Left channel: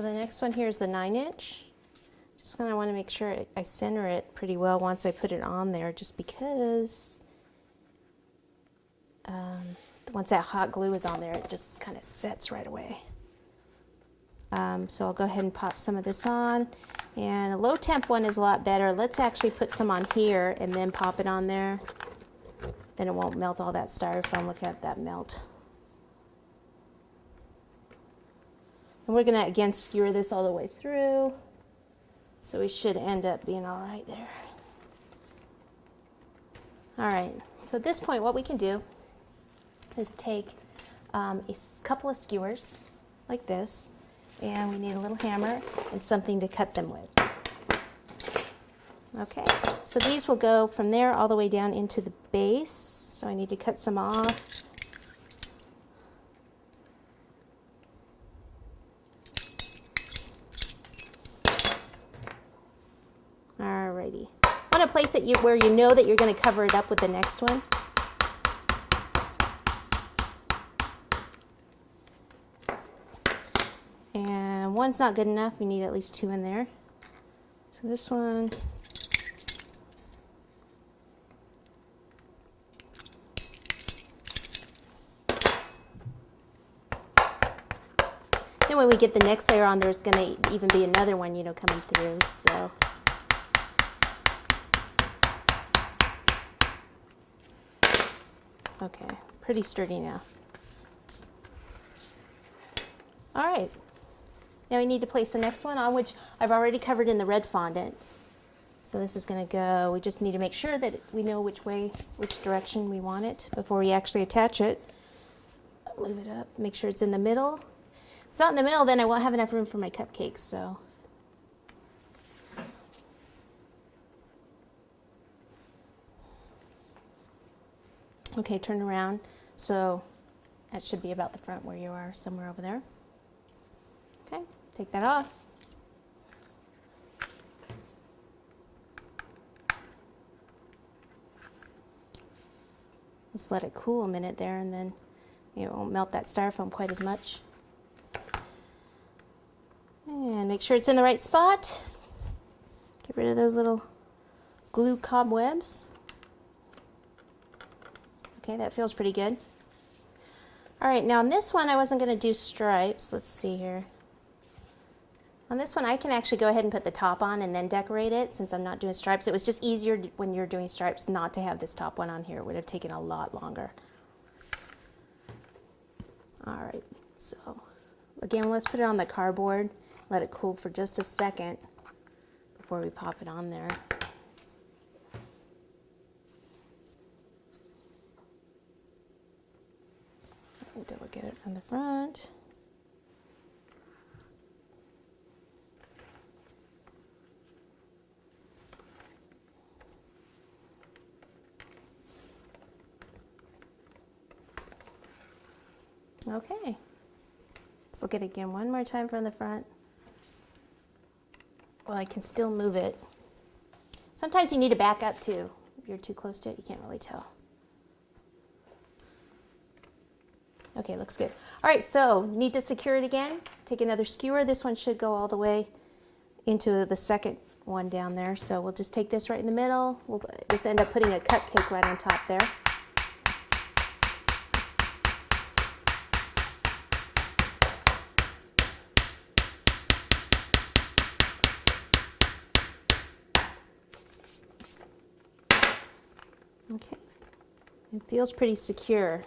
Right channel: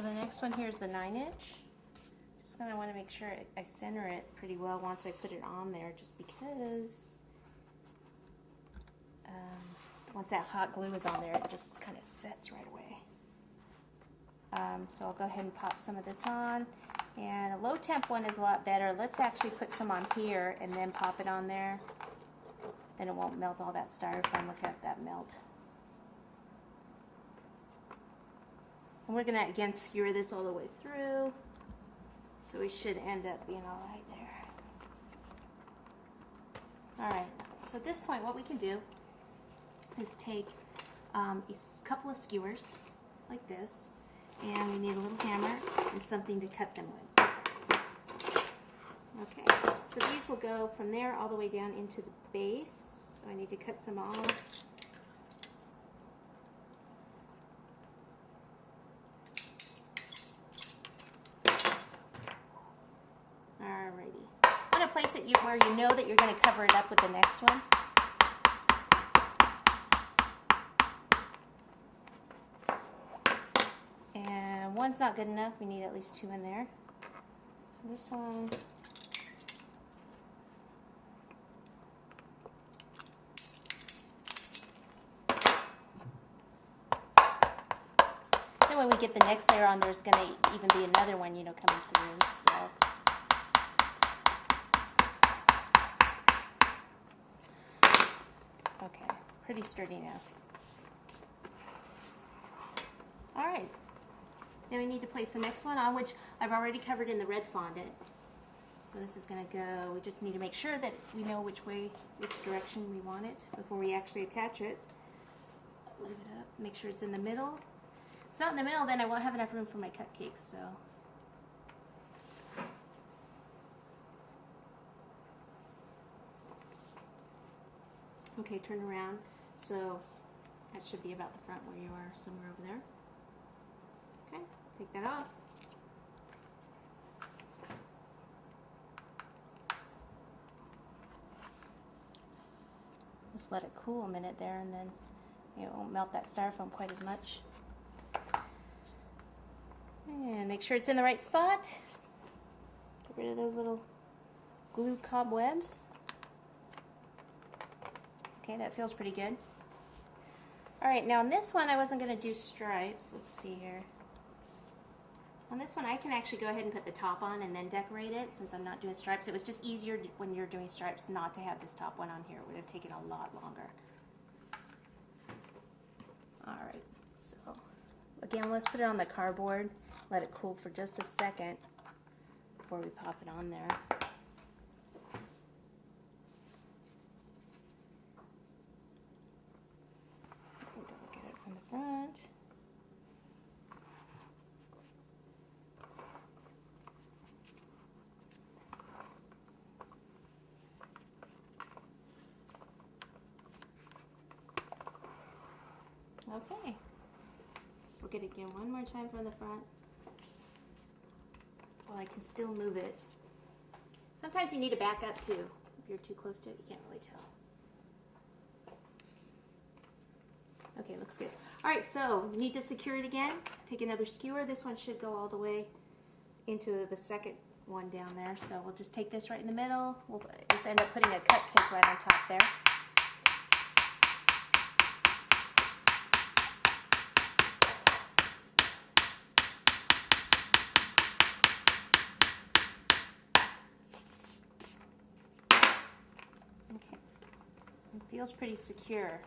So the next one here is the 9-inch. Just gonna want to make sure I center it pretty well once I put it on there, just because once that hot glue is on there, it just kind of sets right away. So I'll go ahead and pop some of this on, and a low temp one is a lot better. Let's actually put some on here and then pop it on there. Then it won't melt all that styrofoam. Look at that melt. And we're gonna again skewer this all the way through, so we should end up being all right there. All right, so at this point what we can do is take a couple of skewers like this, and we need a little hammer and something to cut them with. Okay, so these will go from there all the way down into the base, so I need to cut some off. Alrighty, I want to place it where you know that you're going to cover it up with the next one. And one's not good enough, we need at least 2 in there. So this one. Then when we get the next layer on, there's going to even be another one, you know, coming through. So okay, pretty sturdy now. All right, now we need to place the next one on, which I've already covered in the red fondant. So this is going to go, we just need to make sure that we know which direction we want it before we actually attach it. Move it up, make sure it's in the middle. If it's not in the middle, then I won't have enough room for my cupcakes, so. Okay, turn around. So that should be about the front where you are, somewhere over there. Okay, take that off. Just let it cool a minute there, and then it won't melt that styrofoam quite as much. And make sure it's in the right spot. Get rid of those little glue cobwebs. Okay, that feels pretty good. All right, now on this one I wasn't going to do stripes. Let's see here. On this one I can actually go ahead and put the top on and then decorate it, since I'm not doing stripes. It was just easier when you're doing stripes not to have this top one on here. It would have taken a lot longer. All right, so again, let's put it on the cardboard. Let it cool for just a second before we pop it on there. Double get it from the front. Okay, let's look at it again one more time from the front. Well, I can still move it. Sometimes you need to back up too. If you're too close to it, you can't really tell. Okay, looks good. All right, so need to secure it again. Take another skewer. This one should go all the way into the second one down there. So we'll just take this right in the middle. We'll just end up putting a cupcake right on top there. Okay, it feels pretty secure.